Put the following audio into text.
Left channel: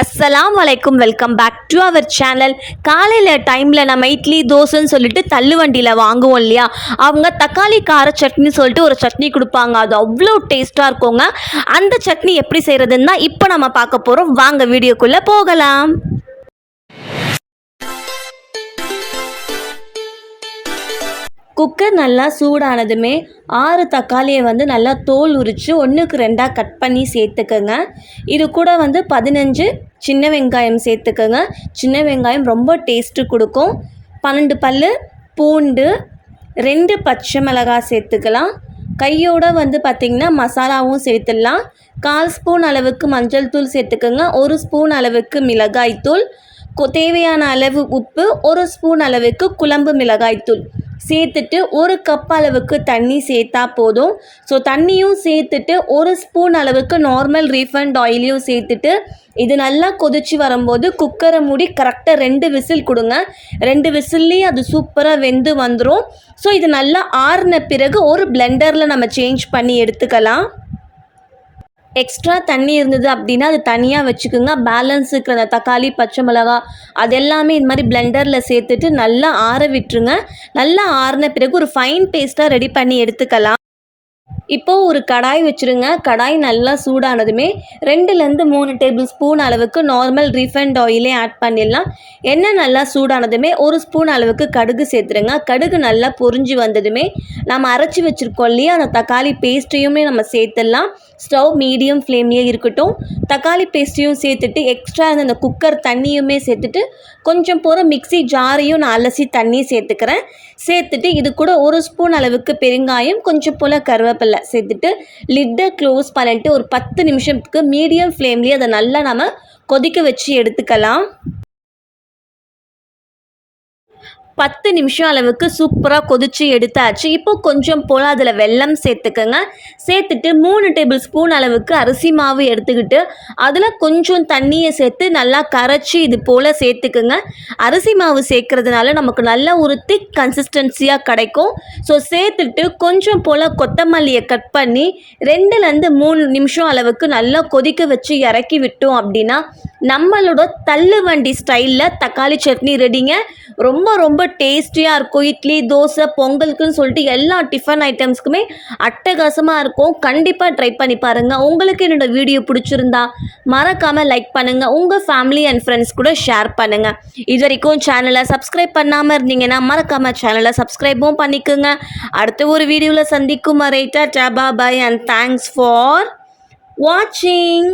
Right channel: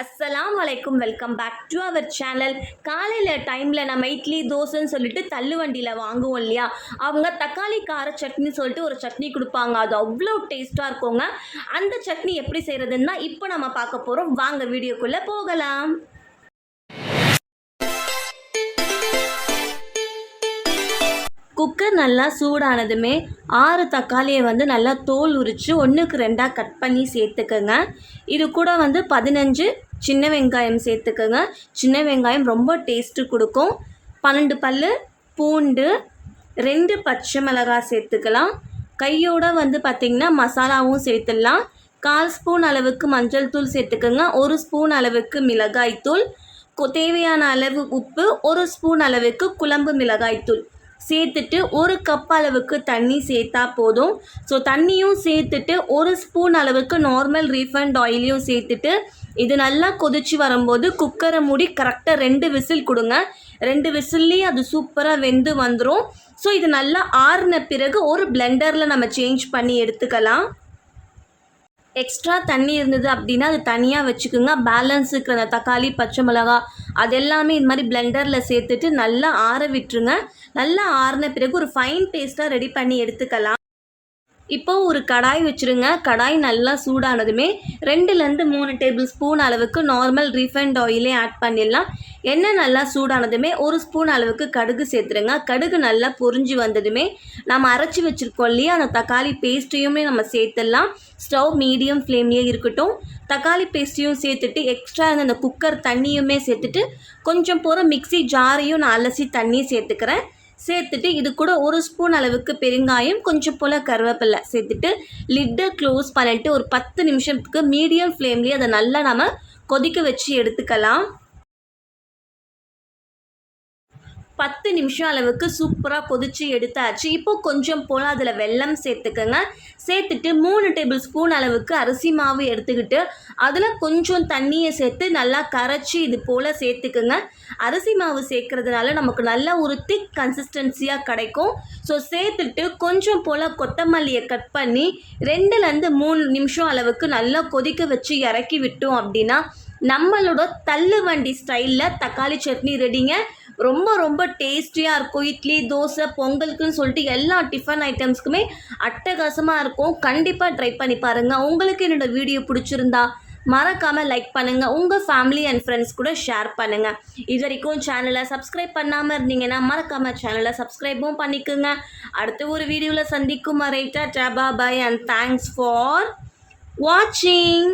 அஸ்ஸலாம் வலைக்கும் welcome back to our channel காலையில் டைமில் நம்ம இட்லி தோசைன்னு சொல்லிட்டு தள்ளு வண்டியில் வாங்குவோம் இல்லையா? அவங்க தக்காளி கார சட்னி சொல்லிட்டு ஒரு சட்னி கொடுப்பாங்க. அது அவ்வளோ டேஸ்ட்டாக இருக்குங்க. அந்த சட்னி எப்படி செய்கிறதுன்னு தான் இப்போ நம்ம பார்க்க போகிறோம் வாங்க வீடியோக்குள்ளே போகலாம். குக்கர் நல்லா சூடானதுமே ஆறு தக்காளியை வந்து நல்லா தோல் உரித்து ஒன்றுக்கு ரெண்டாக கட் பண்ணி சேர்த்துக்கோங்க. இது கூட வந்து பதினஞ்சு சின்ன வெங்காயம் சேர்த்துக்கோங்க. சின்ன வெங்காயம் ரொம்ப டேஸ்ட்டு கொடுக்கும். பன்னெண்டு பல் பூண்டு ரெண்டு பச்சை மிளகாய் சேர்த்துக்கலாம். கையோட வந்து பார்த்திங்கன்னா மசாலாவும் சேர்த்துடலாம். கால் ஸ்பூன் அளவுக்கு மஞ்சள் தூள் சேர்த்துக்கோங்க. ஒரு ஸ்பூன் அளவுக்கு மிளகாய் தூள். தேவையான அளவு உப்பு ஒரு ஸ்பூன் அளவுக்கு குழம்பு மிளகாய் தூள். சேர்த்துட்டு ஒரு கப் அளவுக்கு தண்ணி சேர்த்தா போதும். ஸோ தண்ணியும் சேர்த்துட்டு ஒரு ஸ்பூன் அளவுக்கு நார்மல் ரீஃபண்ட் ஆயிலையும் சேர்த்துட்டு இது நல்லா கொதிச்சு வரும்போது குக்கரை மூடி கரெக்டாக ரெண்டு விசில் கொடுங்க. ரெண்டு விசில்லையும் அது சூப்பராக வெந்து வந்துடும் ஸோ இது நல்லா ஆறின பிறகு ஒரு பிளெண்டரில் நம்ம சேஞ்ச் பண்ணி எடுத்துக்கலாம். எக்ஸ்ட்ரா தண்ணி இருந்தது அப்படின்னா அது தனியாக வச்சுக்கோங்க. பேலன்ஸ் இருக்கிற அந்த தக்காளி பச்சை மிளகா அது எல்லாமே இந்த மாதிரி பிளெண்டரில் சேர்த்துட்டு நல்லா ஆற விட்டுருங்க. நல்லா ஆறின பிறகு ஒரு ஃபைன் பேஸ்ட்டாக ரெடி பண்ணி எடுத்துக்கலாம். இப்போது ஒரு கடாய் வச்சுருங்க. கடாய் நல்லா சூடானதுமே ரெண்டுலேருந்து மூணு டேபிள் ஸ்பூன் அளவுக்கு நார்மல் ரீஃபைண்ட் ஆயிலே ஆட் பண்ணிடலாம். எண்ணெய் நல்லா சூடானதுமே ஒரு ஸ்பூன் அளவுக்கு கடுகு சேர்த்துருங்க. கடுகு நல்லா பொரிஞ்சு வந்ததுமே நம்ம அரைச்சி வச்சுருக்கோம் இல்லையா? அந்த தக்காளி பேஸ்ட்டையுமே நம்ம சேர்த்துடலாம். ஸ்டவ் மீடியம் ஃப்ளேம்லேயே இருக்கட்டும். தக்காளி பேஸ்ட்டையும் சேர்த்துட்டு எக்ஸ்ட்ரா இருந்த அந்த குக்கர் தண்ணியுமே சேர்த்துட்டு கொஞ்சம் போகிற மிக்ஸி ஜாரையும் நான் அலசி தண்ணி சேர்த்துக்கிறேன். சேர்த்துட்டு இது கூட ஒரு ஸ்பூன் அளவுக்கு பெருங்காயம் கொஞ்சம் போல் கருவேப்பிலை. சேர்த்துட்டு லிட்டை க்ளோஸ் பண்ணிட்டு ஒரு பத்து நிமிஷத்துக்கு மீடியம் ஃப்ளேம்லேயே அதை நல்லா நம்ம கொதிக்க வச்சு எடுத்துக்கலாம். பத்து நிமிஷம் அளவுக்கு சூப்பராக கொதிச்சு எடுத்தாச்சு. இப்போ கொஞ்சம் போல் அதில் வெல்லம் சேர்த்துக்கோங்க. சேர்த்துட்டு மூணு டேபிள் ஸ்பூன் அளவுக்கு அரிசி மாவு எடுத்துக்கிட்டு அதில் கொஞ்சம் தண்ணியை சேர்த்து நல்லா கரைச்சி இது போல் சேர்த்துக்குங்க. அரிசி மாவு சேர்க்கறதுனால நமக்கு நல்ல ஒரு திக் கன்சிஸ்டன்சியாக கிடைக்கும். ஸோ சேர்த்துட்டு கொஞ்சம் போல் கொத்தமல்லியை கட் பண்ணி ரெண்டுலேருந்து மூணு நிமிஷம் அளவுக்கு நல்லா கொதிக்க வச்சு இறக்கி விட்டோம் அப்படின்னா நம்மளோட தள்ளு வண்டி ஸ்டைலில் தக்காளி சட்னி ரெடிங்க ரொம்ப ரொம்ப டேஸ்டியாக இருக்கும். இட்லி தோசை பொங்கலுக்குன்னு சொல்லிட்டு எல்லா டிஃபன் ஐட்டம்ஸ்க்குமே அட்டகாசமாக இருக்கும். கண்டிப்பாக ட்ரை பண்ணி பாருங்கள் உங்களுக்கு என்னோட வீடியோ பிடிச்சிருந்தா மறக்காமல் லைக் பண்ணுங்கள் உங்கள் ஃபேமிலி அண்ட் ஃப்ரெண்ட்ஸ் கூட ஷேர் பண்ணுங்கள் இது வரைக்கும் சேனலை சப்ஸ்கிரைப் பண்ணாமல் இருந்தீங்கன்னா மறக்காமல் சேனலை சப்ஸ்கிரைபும் பண்ணிக்கோங்க. அடுத்த ஒரு வீடியோவில் சந்திக்கும் வரை டபா பாய் அண்ட் தேங்க்ஸ் ஃபார் வாட்சிங்